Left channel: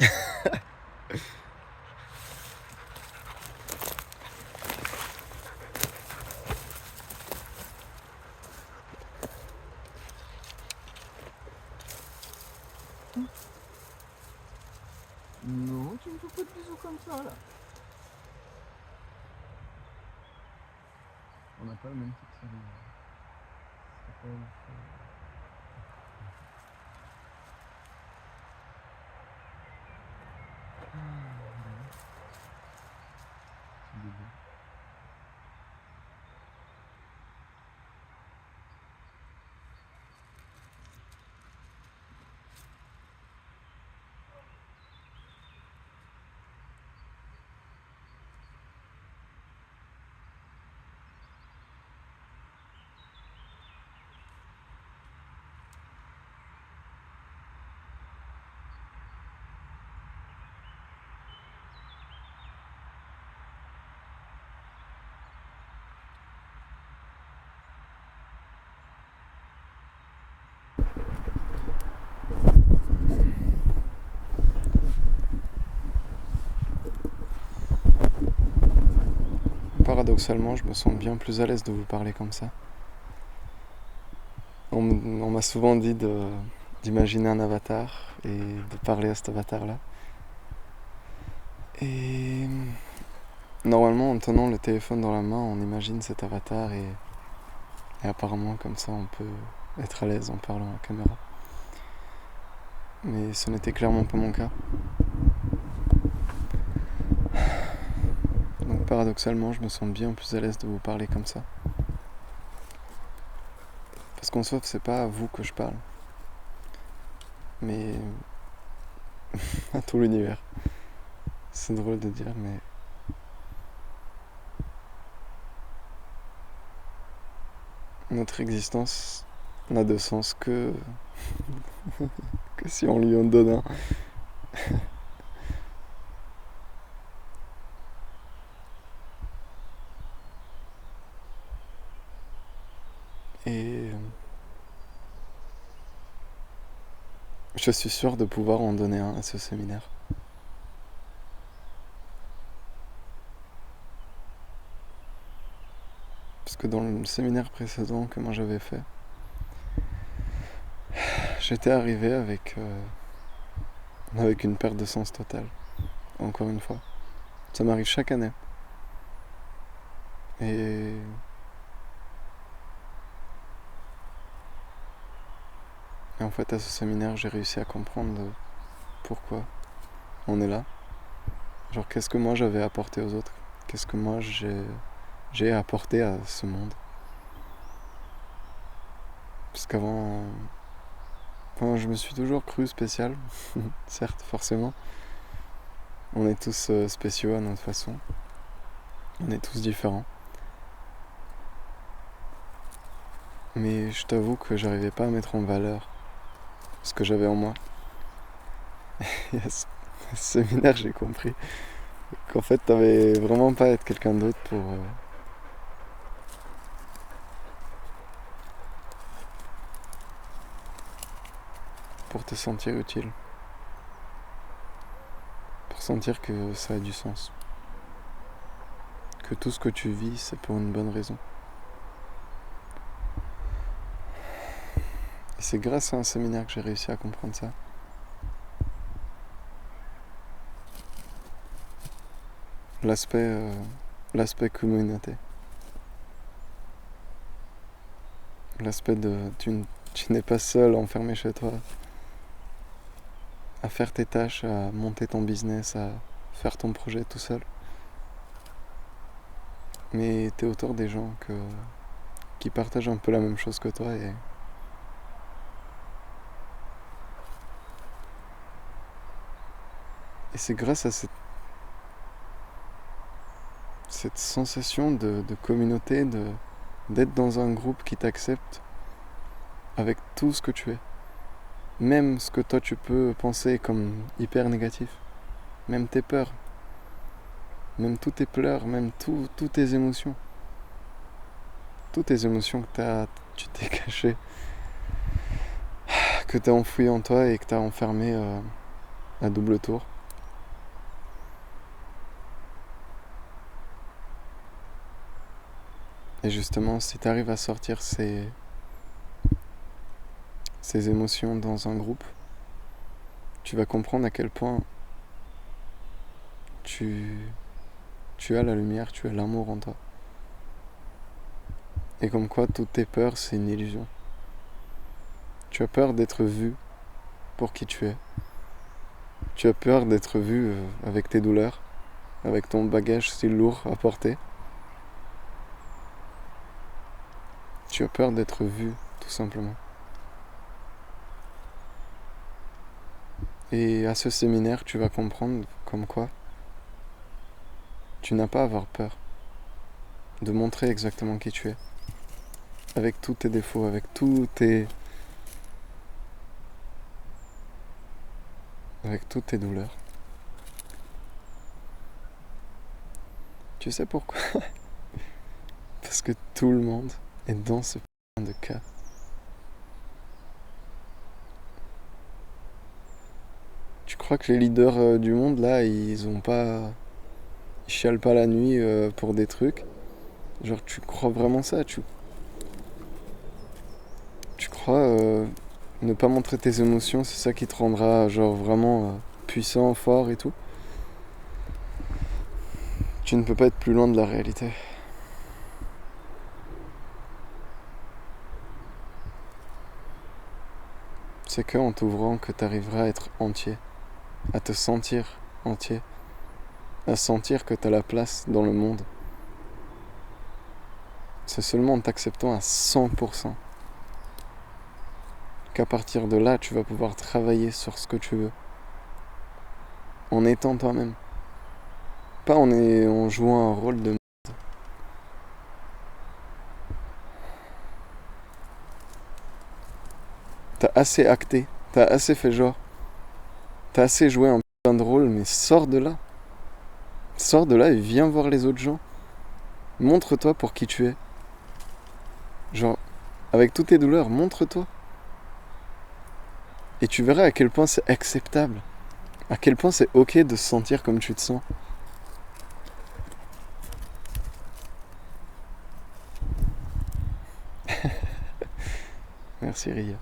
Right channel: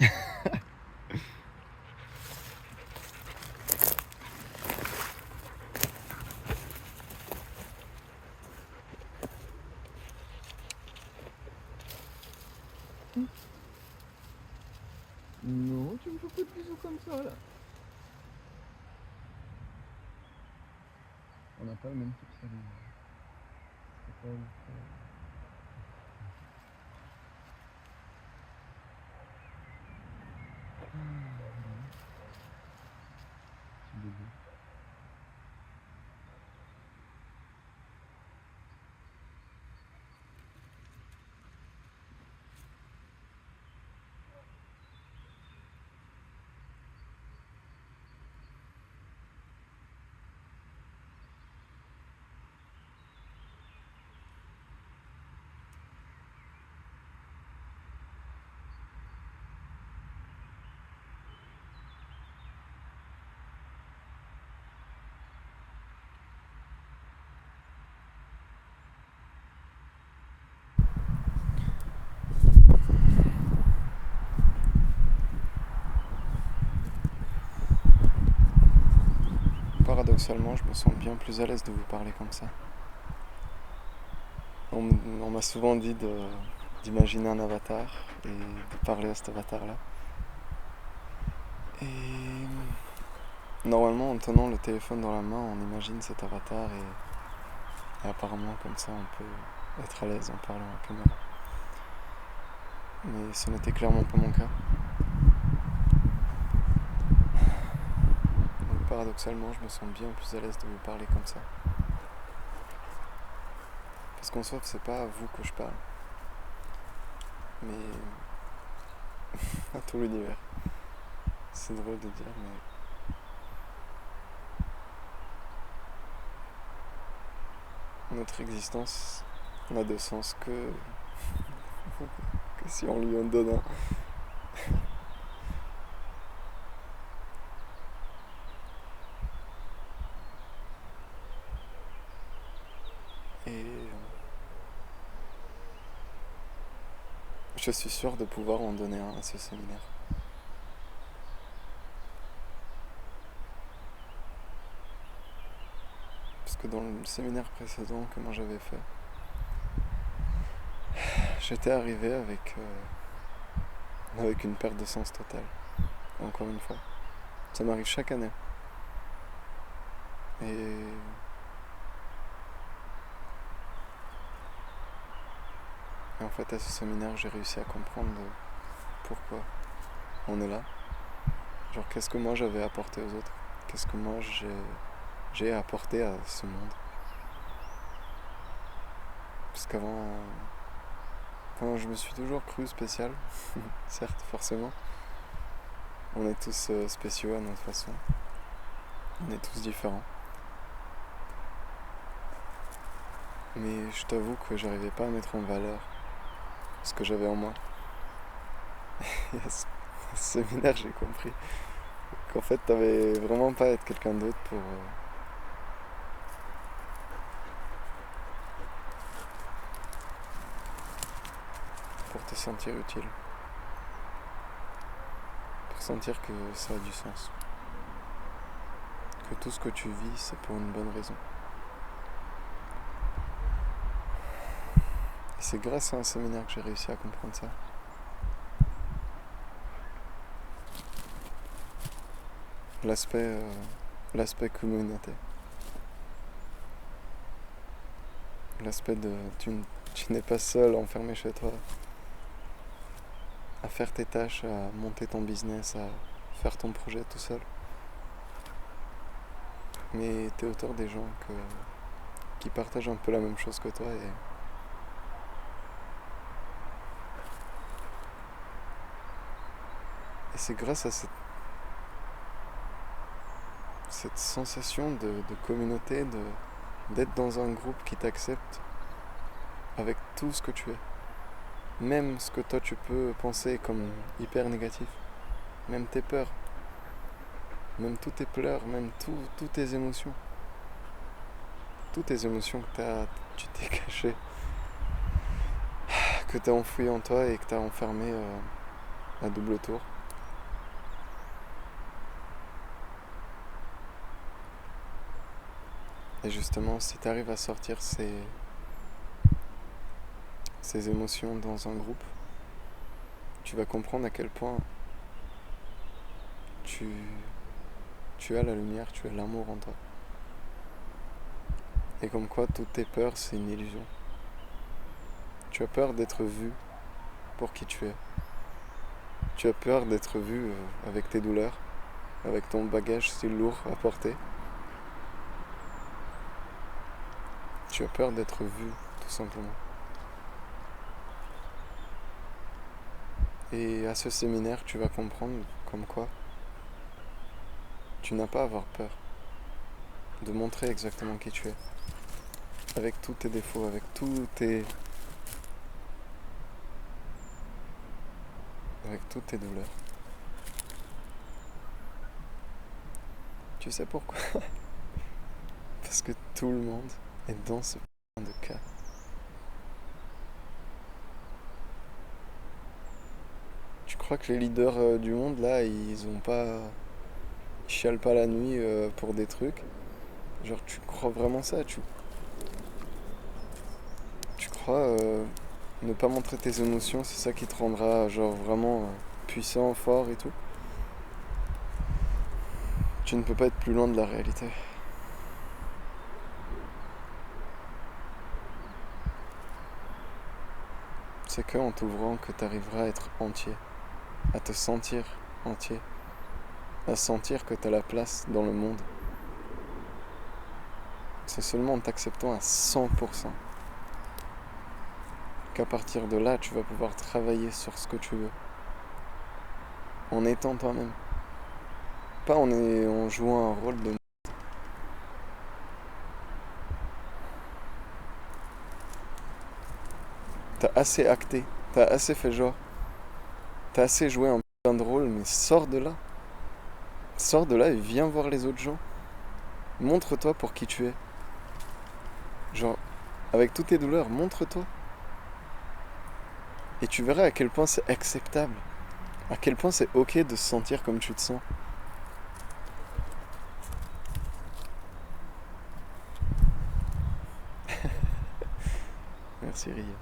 Non, tu me fais pas de bisous comme ça là. On n'a pas le même type de salut. C'est pas ouf. C'est bébé. Paradoxalement, je me sens bien plus à l'aise de vous parler comme ça. On m'a souvent dit d'imaginer un avatar et de parler à cet avatar-là. Et normalement, en tenant le téléphone dans la main, on imagine cet avatar et apparemment, comme ça, on peut être à l'aise en parlant à la caméra. Mais ce n'était clairement pas mon cas. Donc paradoxalement, je me sens bien plus à l'aise de vous parler comme ça. Parce qu'en soi, c'est pas à vous que je parle, mais à tout l'univers. C'est drôle de dire, mais notre existence n'a de sens que si on lui en donne un. Et je suis sûr de pouvoir en donner un à ce séminaire. Parce que dans le séminaire précédent que moi j'avais fait, j'étais arrivé avec une perte de sens totale. Encore une fois. Ça m'arrive chaque année. Et en fait, à ce séminaire, j'ai réussi à comprendre pourquoi on est là. Genre, qu'est-ce que moi j'avais apporté aux autres? Qu'est-ce que moi j'ai apporté à ce monde? Parce qu'avant, enfin, je me suis toujours cru spécial, certes, forcément. On est tous spéciaux à notre façon. On est tous différents. Mais je t'avoue que j'arrivais pas à mettre en valeur ce que j'avais en moi. Et à ce séminaire, j'ai compris qu'en fait, t'avais vraiment pas à être quelqu'un d'autre pour te sentir utile. Pour sentir que ça a du sens. Que tout ce que tu vis, c'est pour une bonne raison. Et c'est grâce à un séminaire que j'ai réussi à comprendre ça. L'aspect communauté. L'aspect de tu n'es pas seul enfermé chez toi à faire tes tâches, à monter ton business, à faire ton projet tout seul. Mais t'es autour des gens qui partagent un peu la même chose que toi et c'est grâce à cette sensation de communauté, d'être dans un groupe qui t'accepte avec tout ce que tu es. Même ce que toi tu peux penser comme hyper négatif. Même tes peurs. Même tous tes pleurs. Même toutes tes émotions. Toutes tes émotions que tu t'es caché. Que t'as enfoui en toi et que t'as enfermé à double tour. Et justement, si tu arrives à sortir ces émotions dans un groupe, tu vas comprendre à quel point tu, tu as la lumière, tu as l'amour en toi. Et comme quoi, toutes tes peurs, c'est une illusion. Tu as peur d'être vu pour qui tu es. Tu as peur d'être vu avec tes douleurs, avec ton bagage si lourd à porter. Tu as peur d'être vu, tout simplement. Et à ce séminaire, tu vas comprendre comme quoi tu n'as pas à avoir peur de montrer exactement qui tu es. Avec tous tes défauts, avec toutes tes douleurs. Tu sais pourquoi? Parce que tout le monde est dans ce putain de cas. Tu crois que les leaders du monde, là, ils chialent pas la nuit pour des trucs? Genre, tu crois vraiment ça? Tu crois ne pas montrer tes émotions, c'est ça qui te rendra, genre, vraiment puissant, fort et tout? Tu ne peux pas être plus loin de la réalité. C'est qu'en t'ouvrant que tu arriveras à être entier, à te sentir entier, à sentir que tu as la place dans le monde. C'est seulement en t'acceptant à 100% qu'à partir de là, tu vas pouvoir travailler sur ce que tu veux. En étant toi-même. Pas en jouant un rôle de... T'as assez acté, t'as assez fait genre, t'as assez joué un putain de rôle, mais sors de là. Sors de là et viens voir les autres gens. Montre-toi pour qui tu es. Genre, avec toutes tes douleurs, montre-toi. Et tu verras à quel point c'est acceptable. À quel point c'est ok de se sentir comme tu te sens. Merci Ria.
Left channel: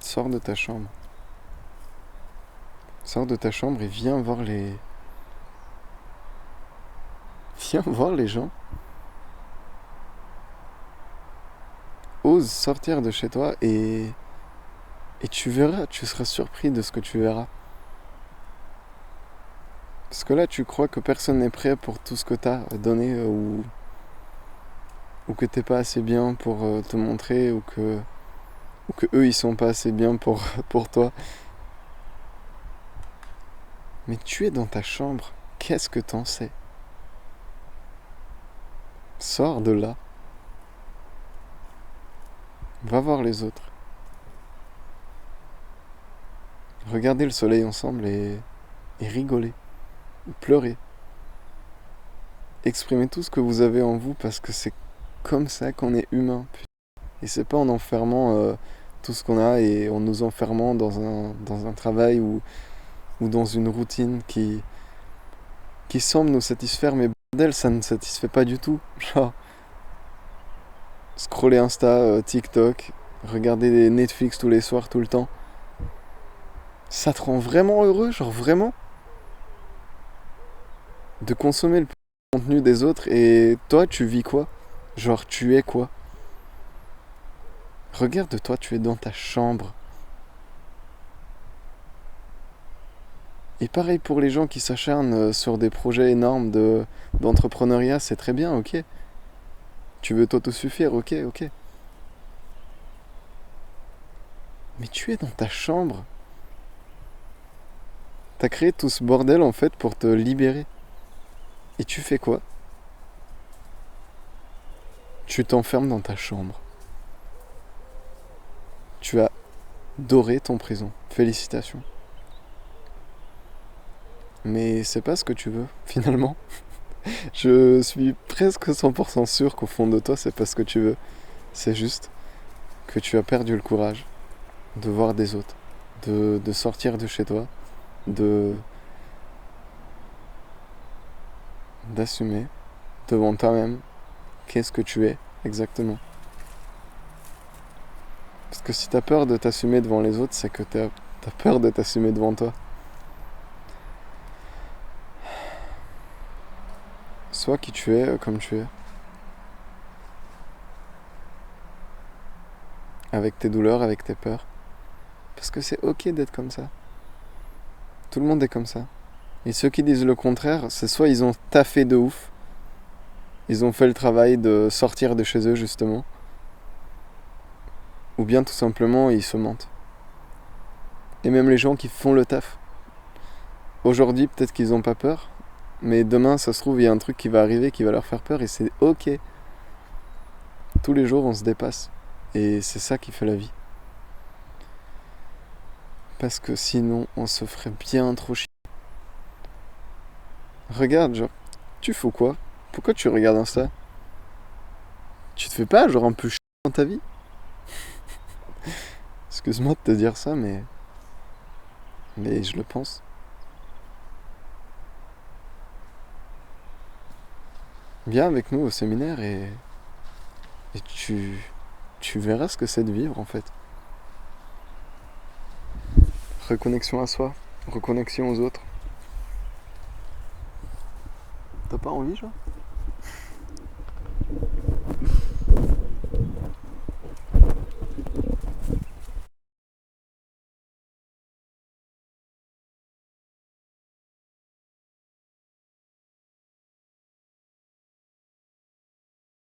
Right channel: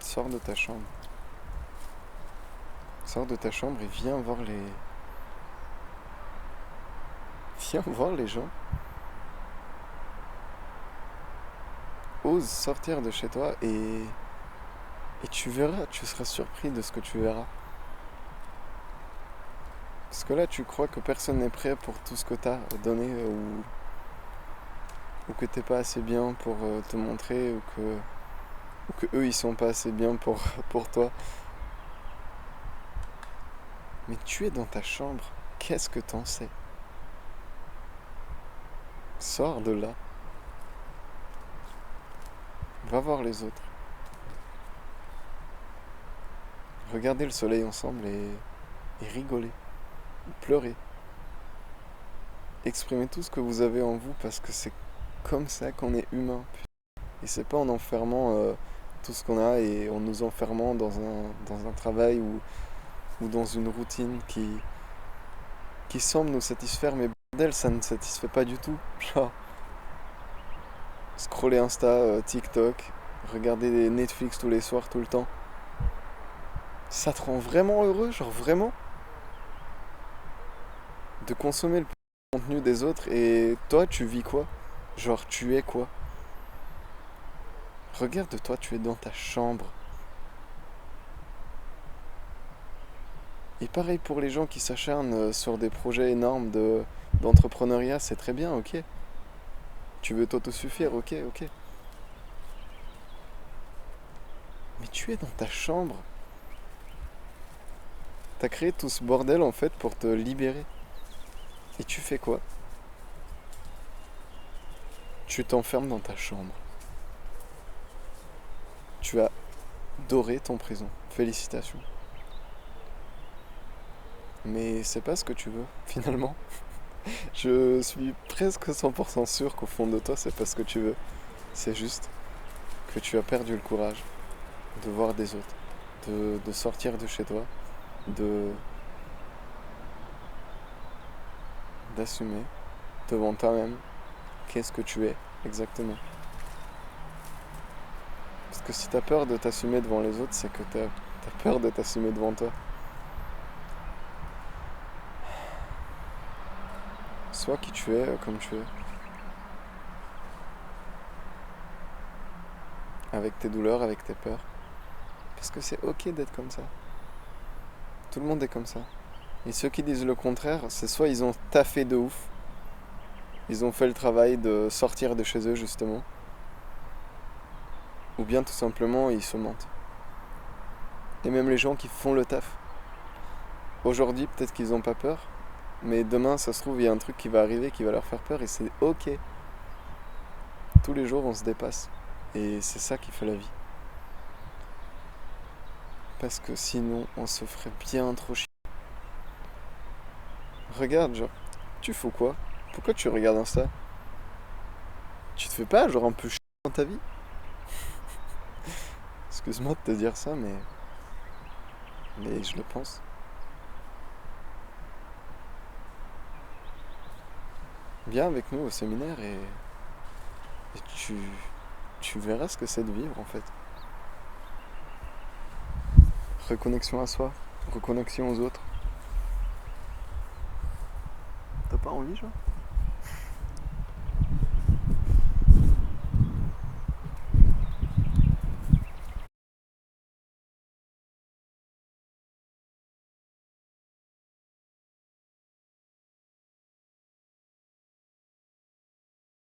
Sors de ta chambre. Sors de ta chambre et viens voir les... Viens voir les gens. Ose sortir de chez toi et tu verras, tu seras surpris de ce que tu verras. Parce que là, tu crois que personne n'est prêt pour tout ce que t'as donné ou que t'es pas assez bien pour te montrer ou que eux ils sont pas assez bien pour toi. Mais tu es dans ta chambre, qu'est-ce que t'en sais? Sors de là, va voir les autres. Regardez le soleil ensemble et rigoler, pleurer. Exprimez tout ce que vous avez en vous parce que c'est comme ça qu'on est humain. Et c'est pas en enfermant tout ce qu'on a et en nous enfermant dans un travail ou dans une routine qui semble nous satisfaire, mais bordel, ça ne satisfait pas du tout. Genre, scroller Insta, TikTok, regarder des Netflix tous les soirs, tout le temps. Ça te rend vraiment heureux, genre vraiment? De consommer le contenu des autres et toi, tu vis quoi? Genre, tu es quoi? Regarde-toi, tu es dans ta chambre. Et pareil pour les gens qui s'acharnent sur des projets énormes d'entrepreneuriat, c'est très bien, ok. Tu veux t'autosuffire, ok, ok. Mais tu es dans ta chambre. T'as créé tout ce bordel en fait pour te libérer. Et tu fais quoi? Tu t'enfermes dans ta chambre. Tu as doré ton prison. Félicitations. Mais c'est pas ce que tu veux, finalement. Je suis presque 100% sûr qu'au fond de toi, c'est pas ce que tu veux. C'est juste que tu as perdu le courage de voir des autres, de sortir de chez toi, de d'assumer devant toi-même qu'est-ce que tu es exactement. Parce que si t'as peur de t'assumer devant les autres, c'est que t'as peur de t'assumer devant toi. Sois qui tu es, comme tu es. Avec tes douleurs, avec tes peurs. Parce que c'est ok d'être comme ça. Tout le monde est comme ça. Et ceux qui disent le contraire, c'est soit ils ont taffé de ouf, ils ont fait le travail de sortir de chez eux justement, ou bien tout simplement ils se mentent. Et même les gens qui font le taf, aujourd'hui peut-être qu'ils n'ont pas peur, mais demain ça se trouve il y a un truc qui va arriver qui va leur faire peur et c'est ok. Tous les jours on se dépasse. Et c'est ça qui fait la vie. Parce que sinon on se ferait bien trop chier. Regarde, genre, tu fous quoi? Pourquoi tu regardes Insta? Tu te fais pas genre un peu chier dans ta vie? Excuse-moi de te dire ça, mais je le pense. Viens avec nous au séminaire et tu verras ce que c'est de vivre en fait. Reconnexion à soi, reconnexion aux autres. T'as pas envie, genre?